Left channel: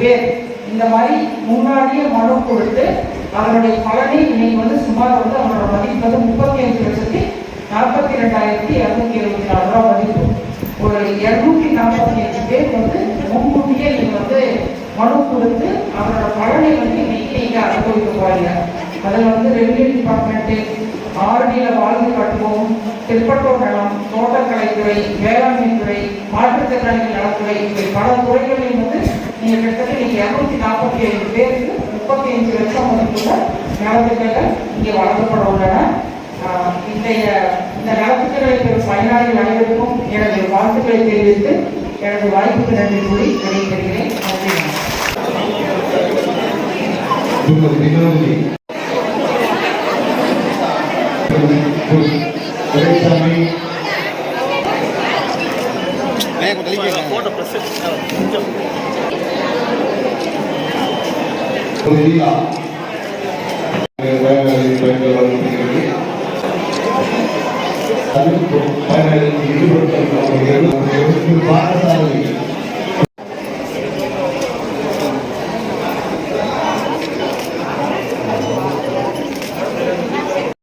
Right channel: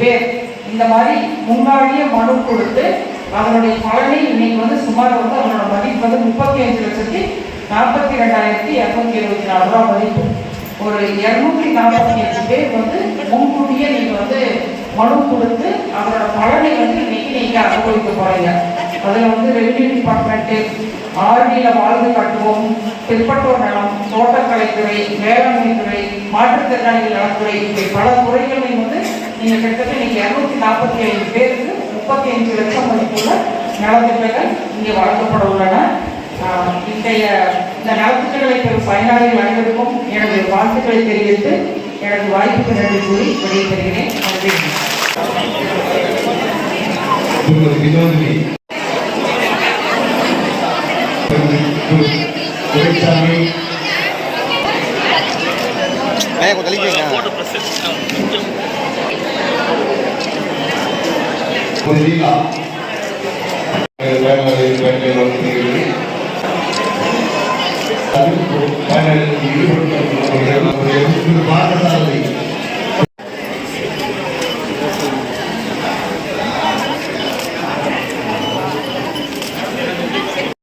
பேர் இந்த மாதிரி முன்னாடியே மனு கொடுத்து அதனுடைய பலனை இன்னைக்கு வந்து சுமார் வந்து அவங்களோட மதிப்பு வந்து முப்பத்தி அஞ்சு லட்சத்தி நாற்பத்தி ரெண்டாயிரத்தி இரநூத்தி இருபத்தி நாலு ரூபா மதிப்பு. ஒரு இரநூத்தி நாற்பத்தி அஞ்சு பேர் வந்து முன்கூட்டியே நீங்க வந்து மனு கொடுத்து அதனோட பலனை வந்து இன்னைக்கு நீங்க அனுபவிக்க போறீங்க. அதுல வந்து ரெவென்யூ டிபார்ட்மெண்ட் ஆர்டியில வாழ்ந்து கட்டுவோம். திருப்பட்டூர் நலம் தோட்டக்கலைத்துறை வேளாண்மை துறை மாற்றுத்திறனாளிகள் நலத்துறை இப்படி பல துறைகளில் வந்து நீங்க கிட்டத்தட்ட இன்னைக்கு இருநூத்தி நாற்பத்தி ஐந்து பேருக்கு முப்பத்தி அஞ்சு லட்சம் மதிப்புள்ள நலத்திட்டங்கள் இங்கே வழங்கப்பட உள்ளன. இன்றைய இந்த நலத்திட்டங்களை பெறும் பயனாளிகள் அனைவருக்கும் எனது வாழ்த்துக்களை தெரிவித்து எனது வாய்ப்புக்கு நன்றி கூறி விடைபெறுகிறேன். நன்றி. துரைசாமி ஐயா கொஞ்சம் தள்ளிக்கங்க खुशियाँ ಭಾರತ